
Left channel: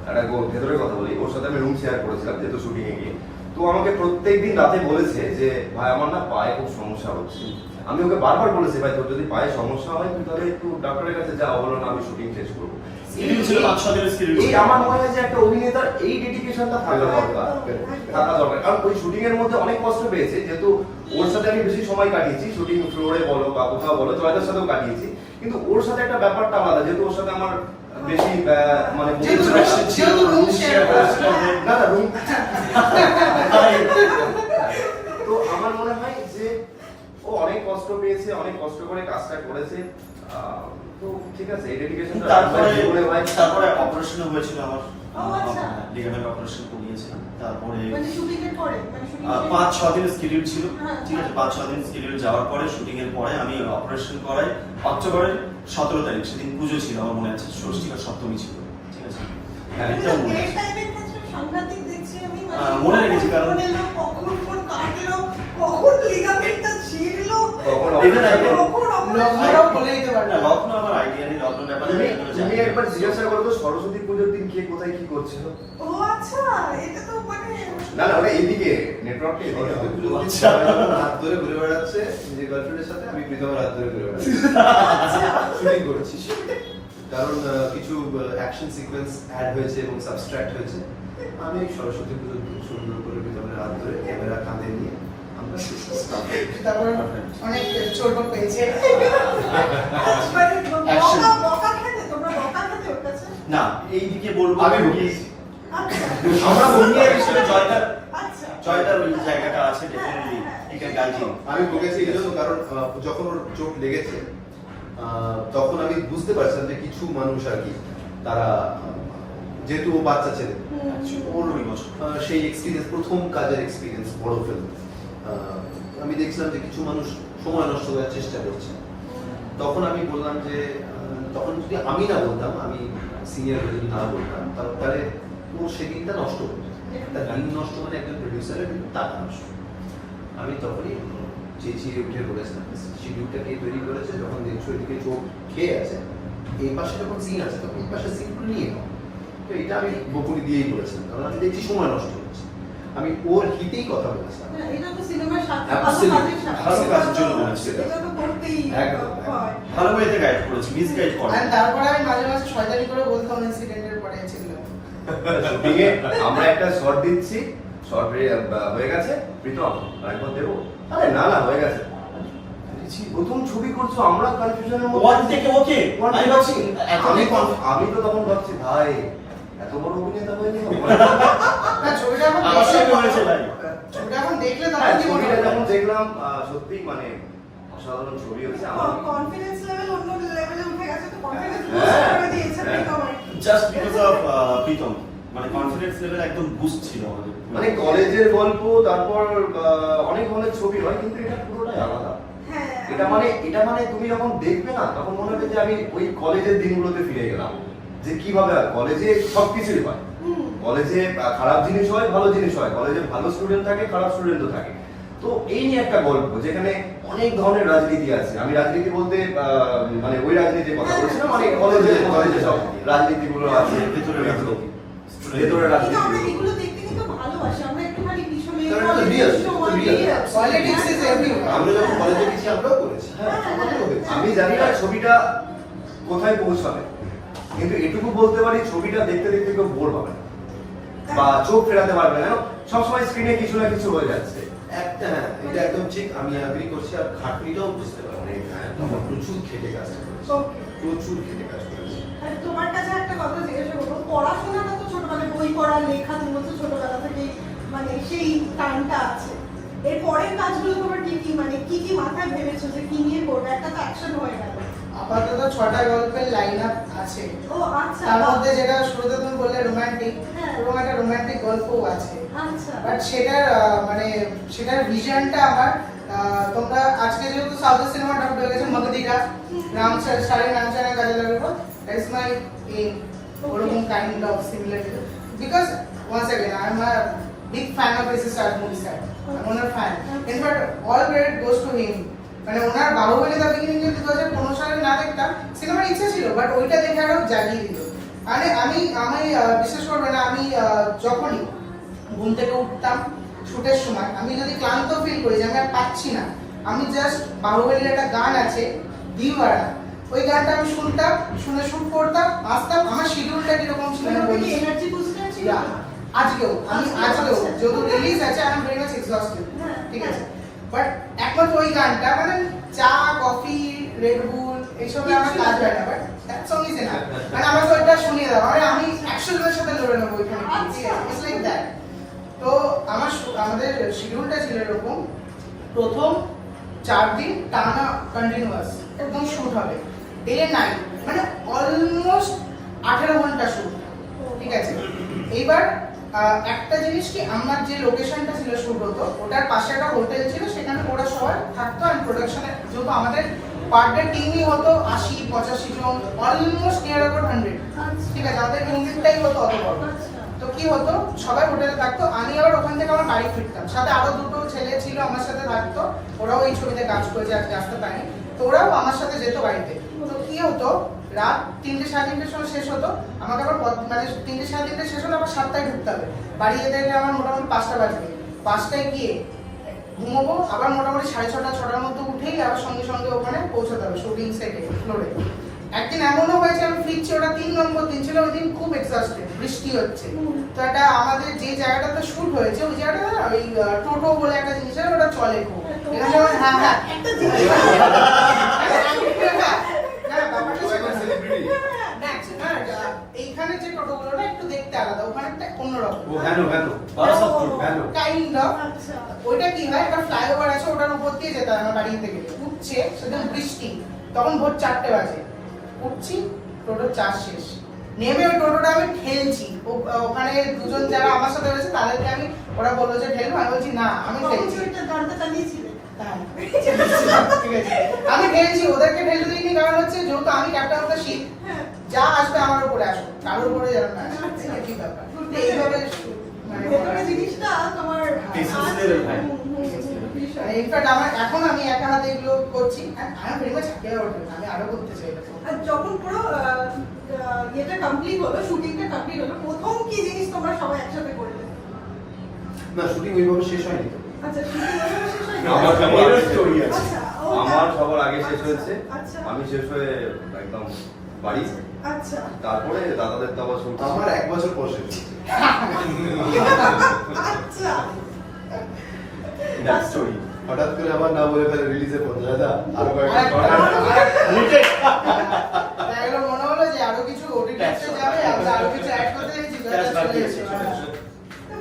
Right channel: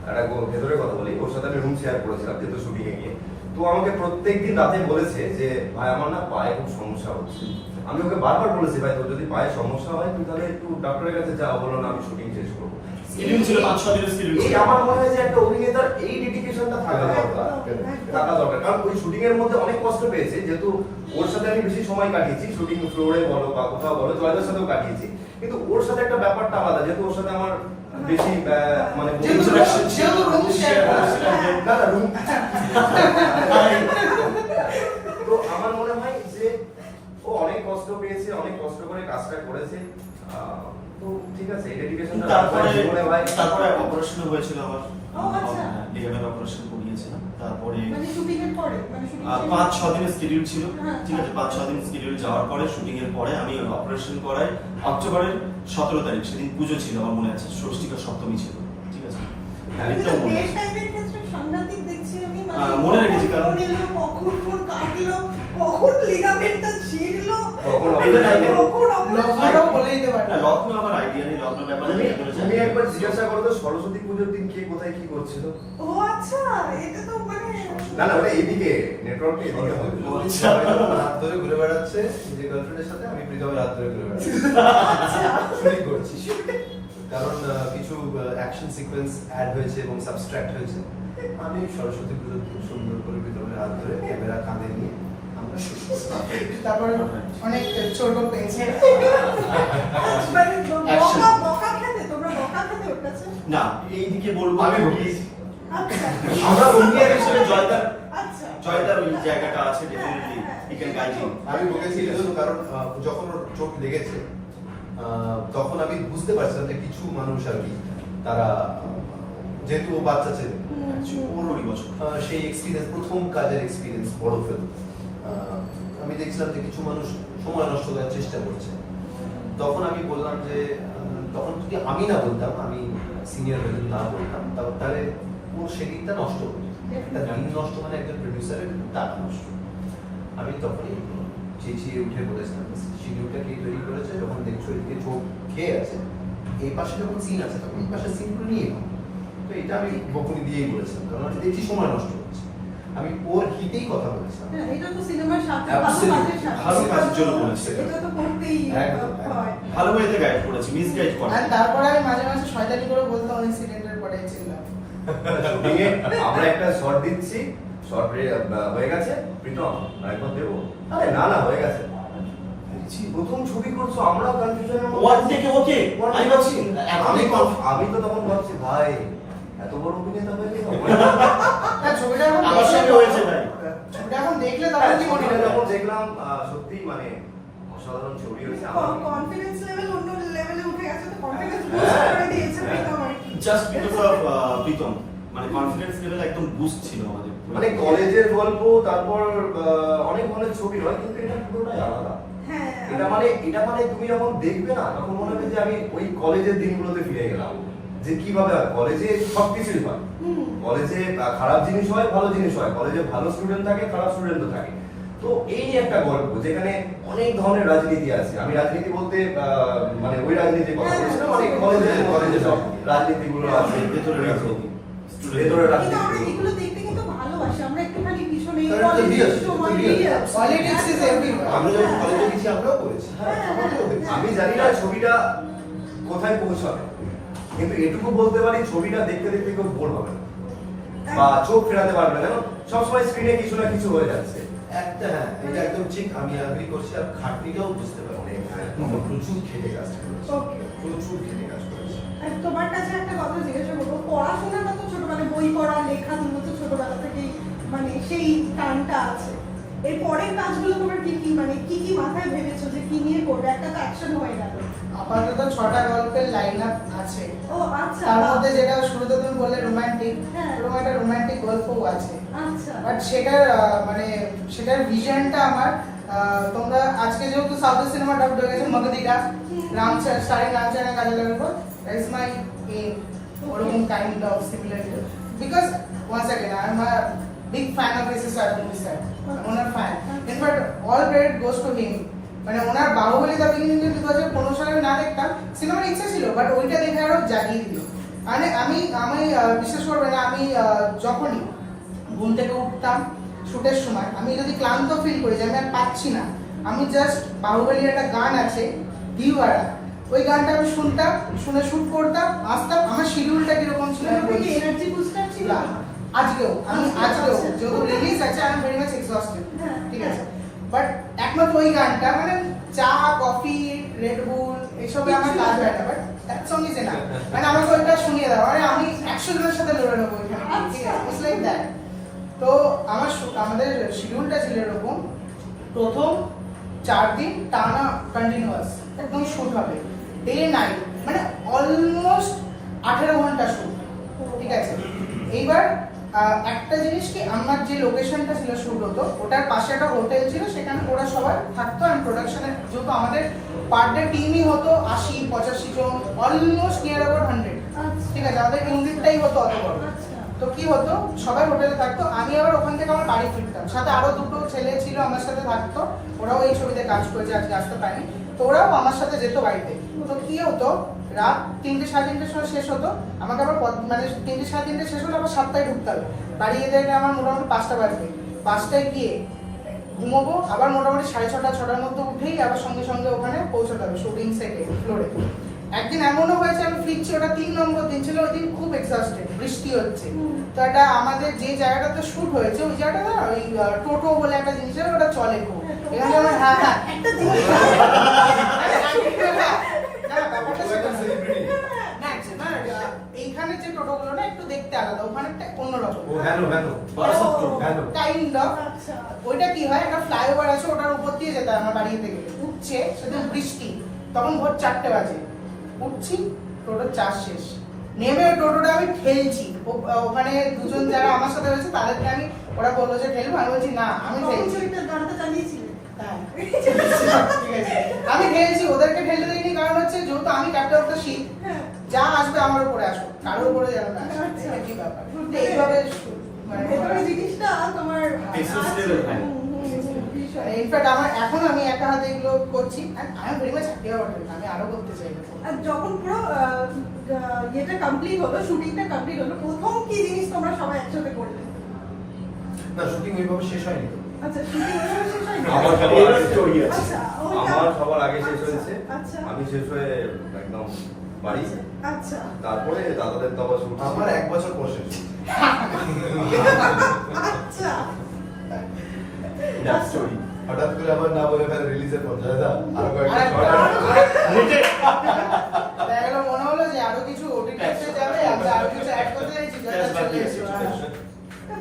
একটা ভেতরে কথা বলি। ওর সাথে আমি রুম শেয়ার করেছিলাম যেহেতু শুটিং এ গিয়ে। তো আমাকে প্রত্যেকদিন রাতে বলেছে যে ভাই আমার না পায়ে খুব সমস্যা হচ্ছে। আমি ওকে বারবার বলেছি ভাই তোর যদি পায়ে সমস্যা হয় তুই তাহলে একটু ডাক্তারের কাছে যা বলো না আমি শুটিং শেষ করব। Schedule ছিল, পাঁচ ছ দিনের schedule এই আমার মনে হয় যে একটা অভিনেতার এই ডেডিকেশনটা থাকা দরকার। থাকা দরকার। কারণ ওই শুটিং এর মধ্যে অনেক কষ্ট পেয়েছে যেহেতু ওর সাথে আমি বেশি সময় কাটিয়েছি। শুটিং ফ্লোরে বলো বা কোথাও বলো জয়দার সাথেও কাটিয়েছি। কিন্তু ওর সাথে একটা ব্যাপারটা আলাদা যেহেতু ওর সাথে আমার বেশি মানে না না room- তো আমার মনে হয় যে ও অনেক কষ্ট পেয়েছে অনেক কষ্ট করে কাজটা করেছে। ঠিক আছে এই তারপরে তারপরে অপারেশন হয়েছিল আমার? আচ্ছা। লিগামেন্ট অপারেশন করিয়েছিলাম। তারপরে মানে মানে আহ, পাঁচ ছ স্কেডিউল ছিল। হ্যাঁ। ঠিক আছে পাঁচ ছ দিন স্কেডিউল যাওয়ার পরে শুটিং এর পরে আমি অপারেশন করাই। অক্টোবরের সতেরো তারিখ সেদিন পুজো ছিল আমার মনে আছে। ষষ্ঠী আর সপ্তমী ছিল। ঠিক আছে? মনে মানে হ্যাঁ, মনে রেখেছি কারণ- কখন লিগামেন্টটা ছিঁড়লো? কখন এটা নাই, এটা- কখন লগ্নটাও বলে দিতে পারবে। লগ্ন আমার আইডিয়া নেই লগ্ন তুমি আমি এগুলো তুমি জানি না। একবার জিজ্ঞাসা করো তো সরস্বতী পুজোর দিন কে কোথায় কি করছে। ও আচ্ছা এটা তো মানে না না ওটা এইদিকে নেটওয়ার্কে সরস্বতী পুজোর দিন আচ্ছা। সবাই যখন হাত ধরে ঘুরে বেড়াচ্ছে নিজের গার্লফ্রেন্ডের সাথে আমি প্রীতমের হাত ধরে ঘুরে বেড়াচ্ছি। শুটিং করছি। কারণ কিছু অ্যাকশন সিকোয়েন্স অ্যাড হয়েছে এবং সাবস্ট্রাক্ট হয়েছে। আমি সরস্বতী পুজোর দিন সুন্দর করে প্রীতমের হাত ধরে ক্যামেরা কাঁধে নিয়ে তারপর অনেক ছোট পেয়েছে। মানে Action. বকা বকা খেতে? তোমরা বকা খেতে ওঠাচ্ছে না এইদিকে বলব আমি কি আচ্ছা। আমরা বন্ধুদের হিসেবে জয়দার আচ্ছা। জয়দার ওই জায়গাটা আছে ডেফিনেটলি এখানে গাইজিং আমি বলেছি এই কারণ যখন ওর চোট লেগেছে আহ, তখন আমি বুঝতে পারছিলাম যে কিছু মানুষ আর কি তারা যেহেতু ও বাচ্চা ছেলে পনেরোই বছর। সেই এক্সপিরিয়েন্স প্রথম কাজের এক্সপিরিয়েন্স বড় ফিল্ম আমি দেখছিলাম যে কিছু মানুষ সময় নষ্ট করার চেষ্টা করছে। তখন আমি বললাম যে তখন যদি আমি না বলতাম, আমি সিনিয়র যদি না বলতাম তাহলে ও সেদিনটা নষ্ট হতো একটা গান নষ্ট মানে একজন প্রডিউসারের টাকা নষ্ট। আমি তখনই চেঁচিয়ে উঠে বলেছিলাম শিডিউলটা কে তৈরি করেছে, যখন দেখছ এদিকে চোখ খেয়ে আছে, এই পাশে যখন সিন আছে, তখন এই পাশে সিনগুলো নিয়ে তো এটা আমি বকুলি দিয়েই বলেছিলাম, কারণ আমি দেখছি সময় নষ্ট হচ্ছে। আমি ওর হিতেই কথা বলেছিলাম। হ্যাঁ, ভালো হয় গাইড করেছি মিস গাইড করে। তারপরে আমি মাঝে মাঝে শয়তানি করে বলতাম ইনসিডেন্টের পরে আমরা একটা শর্ট দিচ্ছি। শর্ট হয়ে গেছে। প্রীতম দেবো আরে না না হয়ে গেছে। প্রথম ছবি করছ আমরা কনফিউশনের ওয়ান থেকে ওকে। আমি ভাবছি আমি আমি আমি তো তখন ভাবছি ভাই বড় অভিনেতা হয়ে গেল না। ছবিটা এখন আমার সঙ্গে হয়েছে ভাই। ছবিটা এখন দেখলে তখন কি মনে হয়। যখন দেখলাম সত্যি মানে অসাধারণ ছবি হয়েছে আমার। কনফিডেন্স লেভেল অন্য লেভেলে উঠে গেছে তো কনফিডেন্স বুস্ট করে দিয়েছে প্রীতম। আর কি। জাস্ট বিকজ অফ প্রীতম মানে কনফিডেন্স লেভেল একদম বুস্ট ছিল আমাদের। মানে কলেজের গল্প তারপর আহ, অনেক ধরনের ছবি হয় কিন্তু এটা পুরোটাই আলাদা। হ্যাঁ এটা মানে এটা মানে তুমি যখন দেখবে না তখন মনে হবে যে আমি ওই কলেজের দিনগুলোতে ফিরে গেলাম। যে কীভাবে হয়? কলেজে সবকিছুই হয়। কলেজে খারাপ জিনিস হয় ভালো জিনিস হয়। কলেজে ভালো স্টুডেন্ট থাকে খারাপ স্টুডেন্টও থাকে। তো এই নিয়ে একটা গল্প যেখানে অনেক ধরনের রাজনীতি আছে। আমি রাজনীতি বলতে মানে ওই রাজনীতির কথা বলছি। না মানে কলেজে কলেজে সব রাজনীতিগুলো আছে ভেতরে রাজনীতি। ভেতরে রাজনীতি আমি জানি না ছবিটা কোথায় পৌঁছাবে। কিন্তু এটুকু বলতে পারি ছবিটা দেখতে দেখতে কেউ বোর হবে বা চোখ ফেরাতে পারবে না সবসময় স্ক্রিনে কিছু না কিছু হয়ে যাচ্ছে। একটা হ্যাঁ এটা একদম ঠিক আমি আগ্রি করছি আর খাটনিটাও বুঝতে পারি হ্যাঁ। প্রচুর খেটে কাজ করেছি প্রচুর খেটে কাজ করেছি। তোমার কাছে একটা কথা জিজ্ঞাসা করব পড়াশোনাটা তো ছোট মানে বই পড়া লেখা যেগুলো তো ছোটবেলা থেকেই মানে সেই টাইমটা আছে। এর পরের কাজগুলো তোমার কি কি মানে কি কি মাথায় ভেবেছো যে কি নিয়ে করবে একটা তো অ্যাকশন হয়ে গেল। আপাতত ছটা গল্পের লাইন আপ আছে। ও আচ্ছা। তার মধ্যে যেটা শুরুতে তুমি বললে রোমান্টিক হ্যাঁ। ওরকম একটা রোমান্টিক গল্পও আছে। আচ্ছা। বাট সেটার মানে সেটার ভিশনটা আমার তোমরা আজকে যেহেতু সাউথ সিনেমা ডাব হয়ে গেছে মগদিকা রাম সারে রামচারের কাজে লাগবে দ্যাট ইজ মাই এম ওরকম kind of similar because once again I am a big fan of S S R movie sir owner fan in fact all credit goes to him মানে ওনার বাহুবলী দ্য বিগিনিং যদি দু হাজার পনেরো সালে না দেখতাম সিনেমার ইচ্ছা ছিল বাট ওইটা দেখে আরও জাগিয়ে দিল। মানে আমি আমি বিশ্বাস করবে না আমি যখনই ঘুম থেকে উঠতাম শুটের সময় আমি যদি ক্লান্ত ফিল করি যে আমি আর পাচ্ছি না আমি জাস্ট বাহুবলীর একটা গান আছে দিওয়ারা। ওই গানটা আমি শুনতাম শুনে শুট করতাম আসতাম। আমার শিডিউলটা কীরকম ছিল আজকেও আমি আজকেও। যত রিলিজ আছে আমি ভেরি মাচ এক্সস্টেড হ্যাঁ, ঠিক হ্যাঁ। আছে বাট একমাত্র ওই গানটা মানে চা কফি রেড বুল এসব আমার কাজ হয় না but that song is enough মানে আমার ওইটা শুনিয়ে দাও। মানে আমি একশো জনের সাথে লড়ে নেব ওইখানে আচ্ছা। ইটস লাইক দ্যাট তো আমার আমাদের শিডিউলটা ছিল এরকম। প্রথম চার দিন টানা কন্টিনিউয়াস একদম শুট হবে। ডে নাইট মানে অলমোস্ট আঠেরো ঘণ্টা শুট ঠিক আছে? এইবার একটা জিনিস কি আমার যে লোকেশনটা ছিল শুট হতো ওটার পাশে একটা হোটেল ছিল সেখানে ওরা সবাই থাকতো অ্যান্ড প্রোডাকশনে যেহেতু আমাদের পার ডে টিমই হতো আশি পঁচাশি জন অলমোস্ট নিয়ার অ্যাবাউট হান্ড্রেড। ঠিক আছে আমাদের ইউনিটটাই হতো অত বড়। তো কি হতো সবাই হোটেলে থাকতো আমি আবার ওখান থেকে আমার বাড়ি ফিরতাম সাথে আরও দুটো ছেলে ছিল আমার সাথে থাকতো ওরাও এই ছবিতে কাজ করেছে আজকে আসতে পারেনি তো ওরাও আমার সাথে যেত বাড়িতে তো কি হতো রাত তিনটে সাড়ে তিনটের সময় শেষ হতো। আমাকে আবার মানে তিনটে সাড়ে তিনটে শেষ হলো আবার সাতটায় ঢুকতে হবে। বাড়ি যেতে যেতে আমার মোটামুটি পাঁচটা বাজবে। পাঁচটায় গিয়ে ঘুমোবো আবার মোটামুটি সাড়ে ছটা ছটার মধ্যে উঠেই আবার সঙ্গে সঙ্গে ওখানে পৌঁছাতে হবে শুটিং সেটে ফ্লোরে একদিন এমনও হয়েছে আমি ফিরছি ওটা তিন নম্বর দিন ছিল ওই দিন খুব এক্সস্টেড বৃষ্টি হচ্ছে। তো এটা আমাদের যে জায়গাটাতে শুট হয়েছে ওই জায়গাটা না ওই টোটো বলে একটা জিনিস ওটা চলে খুব। এখানে হ্যাঁ হ্যাঁ। একটা হ্যাঁ, হ্যাঁ, ব্যাপারটা ও একটা সেরকম। celebrity। না, actually, না, এটা- এইখানে যে টোটোগুলোটা একটু দেখতে আলাদা ওখানে একটা অন্যরকম ও কেন কেন বারাসাত road। কেন কাইন্ড অফ আচ্ছা ওইটা কি হয়? একটা ফ্লাইওভার আছে ওটার উপর দিয়ে যেতে হয় আমার বাড়ি থেকে। উঠছে সেদিন বৃষ্টি তখন ভোর চারটে বাজে। উঠছি টোটোর চার্জ শেষ। নেমে ওই টোটোটা আমি ঠেলছি। ওখানে দুজন যারা আমার সাথে রয়েছে তাদেরকে আমি ওরা বলল যে ঠেলবো আমি বলছি না আমি ঠেলছি হ্যাঁ। আমি ঠেলছি ওদেরকে ঠেলতে দিইনি কারণ হচ্ছে যেহেতু আমি ক্যাপ্টেন অফ দ্য শিপ হ্যাঁ যা আসো কারোর যাবে না। আচ্ছা। এটা কি ব্যাপার? এইভাবে মানে ভেতরে জিনিসটা তোমার Business আছে। level high. হুম, হুম, হুম, ভীষণ। ইনফ্যাক্ট আমার এখন আমি একা হাতে এগুলো করছি। আমি very much happy about it আমি আরও করতে চাই আর যখন পুরো ইয়েটা কমপ্লিট হলো শুটিংটা কমপ্লিট হলো প্রথম কি জিনিস তোমরা সবাই একসাথে করলে? না শুটিং ওইভাবে শেষ হয়নি আচ্ছা শুটিং শেষ হয়ে আমার সবার এর আগে আছে। আচ্ছা, আমার সবার আগে শেষ আচ্ছা, হয়েছে। আচ্ছা। আমি শেষ হয়ে একদম বাড়ি। আচ্ছা তারপরে দাদাদের তো আবার শুট আমার এক বছর হয়েছে। আচ্ছা. হঠাৎ করে আমার না বলে ফেলে রিলিজে দাদা আরও কয়েকটা একটা- part আছে। দেখা গেলো মনে হলো যে আরও কিছু ওটিটি যাবে আরও কিছু অ্যাড করতে চাইছি যেটা Cash বাকি চলে আছে। এসেছে।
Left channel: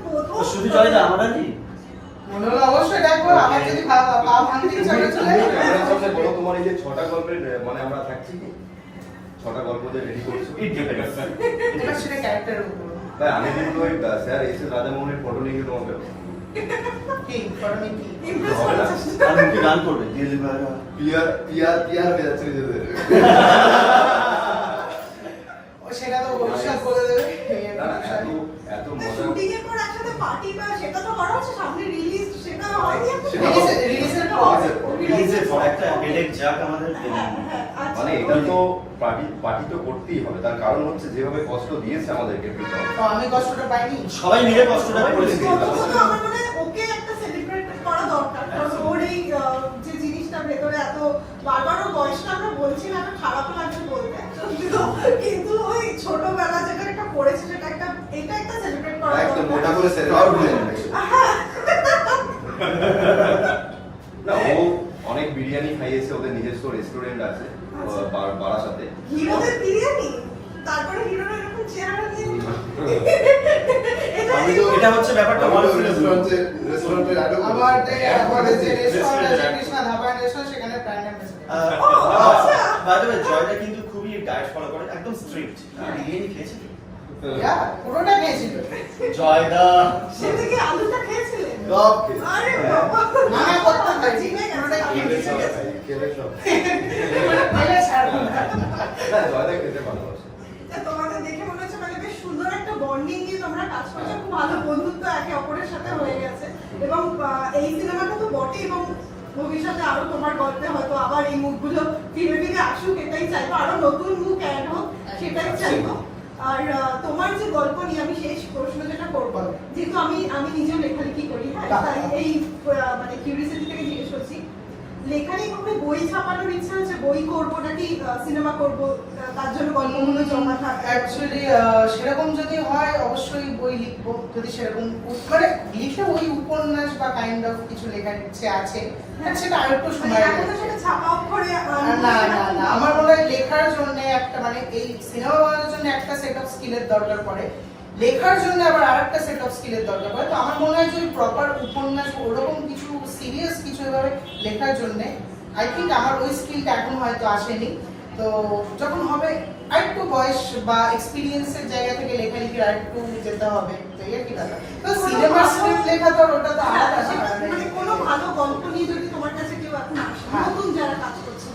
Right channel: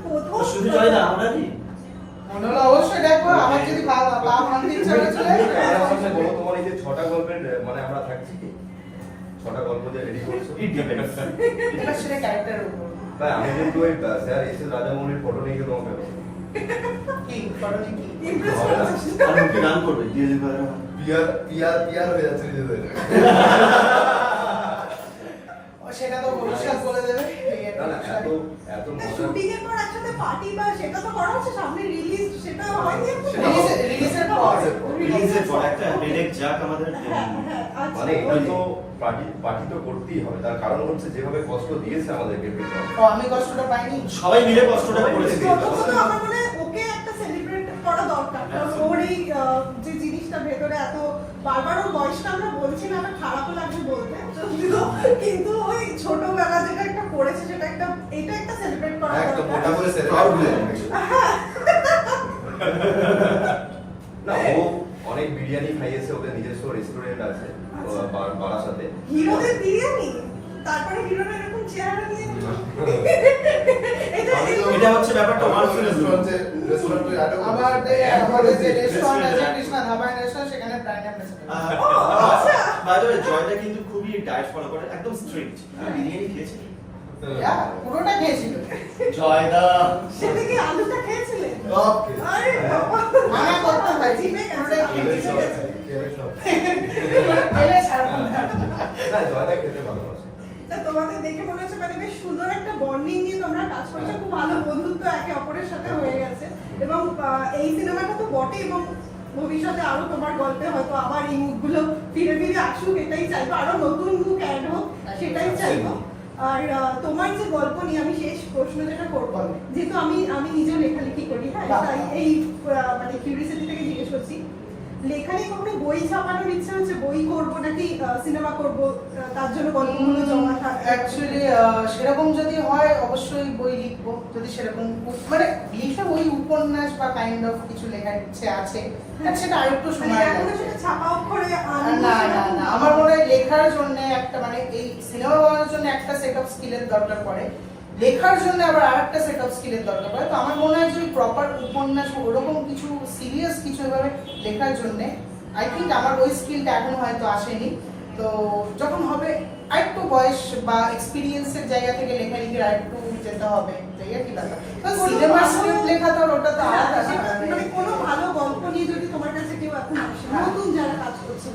প্রথম ও শুধু চলে না আমরা কি মনে অবশ্যই দেখব আমার যদি পা ভাঙতে ইচ্ছা করে চলে যাবে। আমার সামনে বলো তোমার এই যে ছটা গল্পের মানে আমরা থাকছি কি ছটা গল্প যে রেডি করছ It depends. ক্যারেক্টারের উপর না আমি কিন্তু ওই স্যার এসে রাজামৌলির ফটো নিয়ে তোমাকে কি করণী কি ইমপ্রেস হবে না। করেছিস আর মুখে গান করবে পিয়ার পিয়ার পিয়ার হয়ে যাচ্ছে নিজেদের সেটা তো ভবিষ্যৎ বলে দেবে। না না এত এত শুটিং এর পর একসাথে পার্টি বা সেটা তো করা হচ্ছে সামনে রিলিজ সেটা হয়নি রিলিজের- রিলিজের পর। রিলিজের পর। একটা যাক আমাদের। হ্যাঁ, হ্যাঁ, আচ্ছা, মানে okay. তো তো করতেই হবে। তার কারণ হচ্ছে যেভাবে কষ্ট দিয়েছে আমাদেরকে আমি কষ্টটা পাইনি। সবাই মিলে কষ্টটা করেছি। আমার মনে ওকে একটা সেলিব্রেট করা দরকার। কারণ ওর এই যে জিনিসটা ভেতরে এত বারবার ওর বয়সটা আমরা বলছি না একটা খারাপও লাগছে বলতে। কিন্তু কিন্তু ওই ছোটবেলা যেটা একটা করেছে সেটা একটা এটা একটা সেলিব্রেট করা একদম সেলিব্রেট না ও অনেক বিরিয়ানি খাইয়েছে ওদের নিজস্ব রেস্টুরেন্ট আছে। আচ্ছা। বারাসাতে হিরোদের বিরিয়ানি? তারপরে হিরোরা এরকম চেহারা নিয়ে এটা আমি তো- এটা হচ্ছে ব্যাপারটা। আমার one তো film এর রেস্টুরেন্টে রেস্টুরেন্টে নাটক আমার যে রেস্টুরেন্ট আছে Restaurant ধাবা রেস্টুরেন্ট সেখানে প্রাইম আচ্ছা। বাই দ্য জয়টা কিন্তু খুবই ডায়েট ফলো করে একদম স্ট্রিক্ট বিরিয়ানি খেয়েছি। পুরোটা গিয়েছিল জয়দা। সেটা কি আলুটা খেয়েছিলেন? সব আরে বাবা। মানা করতাম ভাই। জিমে গেছে পুরোটাই খেলে সব, খেলে সব। না। হ্যাঁ জয়দা খেতে ভালোবাসে। তা দেখে মনে হচ্ছে মানে বেশ সুন্দর একটা বন্ডিং নিয়ে তোমরা কাজ করছ। খুব ভালো বন্ধুত্ব একে অপরের সাথে হয়ে গেছে। এবং আহ, এই সিনেমাটা তো বটে এবং ভবিষ্যতে আরও তোমার গল্পে হয়তো আবার এই মুখগুলো ফিরে ফিরে আসুক। এটাই চাইব। আরও নতুন মুখ অ্যাড হোক সেটাই চাইব। আর তোমার যে গল্প নিয়ে আমি শেষ প্রশ্ন যেটা করব যেহেতু আমি আমি নিজেও লেখালেখি করি হ্যাঁ? এই মানে কিউরিয়াসিটি থেকে জিজ্ঞেস করছি। লেখারই বই ছাপানোর ইচ্ছা বই করব নাকি সিনেমা করব তার জন্য গল্পগুলো জমা থাকে? অ্যাকচুয়ালি সেরকম যদি হয় অবশ্যই বই লিখব যদি সেরকম মানে লিখে ওই উপন্যাস বা কাইন্ড অফ কিছু লেখার ইচ্ছে আছে সেটা আরেকটু মানে লাগবে। ছাপা অক্ষরে না না না আমার মনে হয় লেখার জন্য একটা মানে এই সিনেমা বানানোর জন্য একটা সেট অফ স্কিলের দরকার পড়ে। লেখার জন্য আবার আরেকটা সেট অফ স্কিলের দরকার পড়ে তো আমার মনে হয় যে প্রপার উপন্যাস ওরকম কিছু সিরিয়াস কিছু এভাবে লেখার জন্য আই থিঙ্ক আমার ওই স্কিলটা এখন হয়তো আসেনি তো যখন হবে আরেকটু বয়স বা এক্সপিরিয়েন্সের জায়গা থেকে লেখা লেখালেখির আরেকটু যেতে হবে তো আর কি তো সিনেমার ভালো- স্ক্রিপ্ট লেখা তো ওটা তো হ্যাঁ, ব্যাপার। মানে কোনো ভালো গল্প নিয়ে যদি তোমার কাছে কেউ এখন আসে হ্যাঁ। নতুন যারা কাজ করছে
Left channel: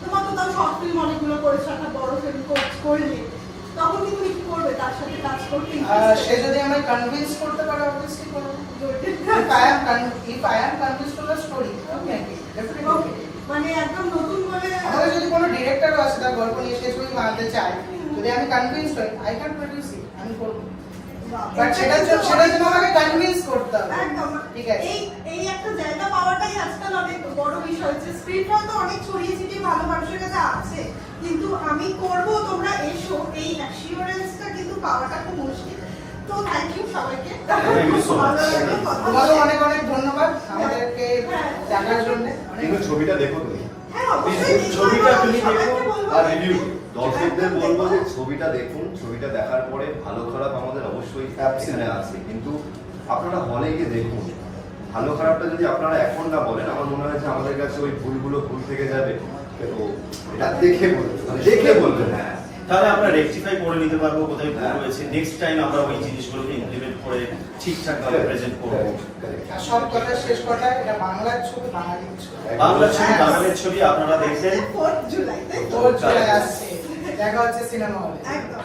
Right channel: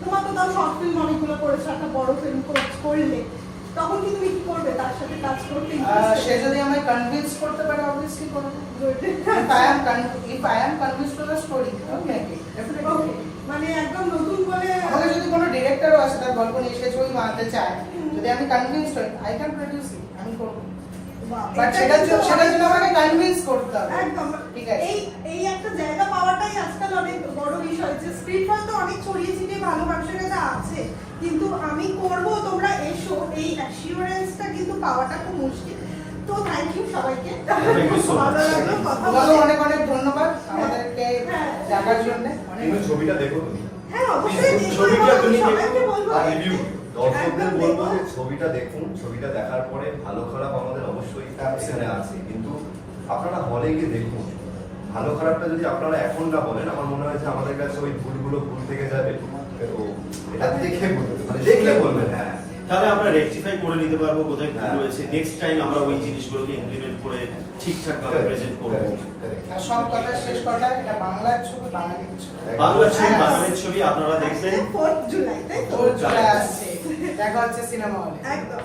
তোমার তো তাও শর্ট ফিল্ম অনেকগুলো করেছ একটা বড় ফিল্ম করলে তখন কি তুমি করবে? তার সাথে কাজ করতে সে যদি আমায় কনভিন্স করতে পারে অবভিয়াসলি করব. মানে একদম নতুন বলে যদি কোনো ডিরেক্টরও তার গল্প নিয়ে সে ছবি বানাতে চায় যদি আমি কনভিন্স আই ক্যান প্রডিউস আমি করব। বাট জন্য আমাকে কনভিন্স করতে হবে একদম। ঠিক আছে? এই এই একটা জায়গা পাওয়াটাই আজকাল অনেক বড় বিষয় যে স্ক্রিপ্ট হয়তো অনেক ছড়িয়ে ছিটিয়ে ভালো মানুষের কিন্তু আমি করব তোমরা এসো। এই অ্যাসিওরেন্সটা কিন্তু পাওয়াটা খুব মুশকিল। তো থ্যাংক ইউ সবাইকে. ভালো লাগল কথা অনেক অনেক ধন্যবাদ আমাদেরকে হ্যাঁ। দেখার জন্য। ছবিটা দেখো তুমি। হ্যাঁ অবশ্যই ছবিটা আমি তুমি দেখো বলব। আর রিভিউ দর্শকদের বলব যে ছবিটা দেখুন। ছবিটা দেখার পরে ভালো খারাপ আমাদের অবশ্যই আছে। কিন্তু আপনারা হলে গিয়ে দেখুন। ভালো খারাপটা যদি আপনারা এখন না বলেন আমার মনে হয় যে আমাদের কাছে ওই ভুলগুলো ভুল থেকে যাবে। এটা দেখে মানে হ্যাঁ তাহলে আমরা রেকটিফাই করে নিতে পারব কোথায় ভুল হ্যাঁ। হয়েছে। নেক্সট টাইম আমরা ওই জিনিসগুলোকে ইমপ্লিমেন্ট করে ঠিকঠাক ভাবে প্রেজেন্ট করব। সব কথা শেষ কথা এটা বাংলার ছবি বাঙালির ছবি। বাংলার ছবি বাংলার ছবি আপনারা জুলাই তাই তো? আসছে দেখা হচ্ছে সিনেমা হলে একদম.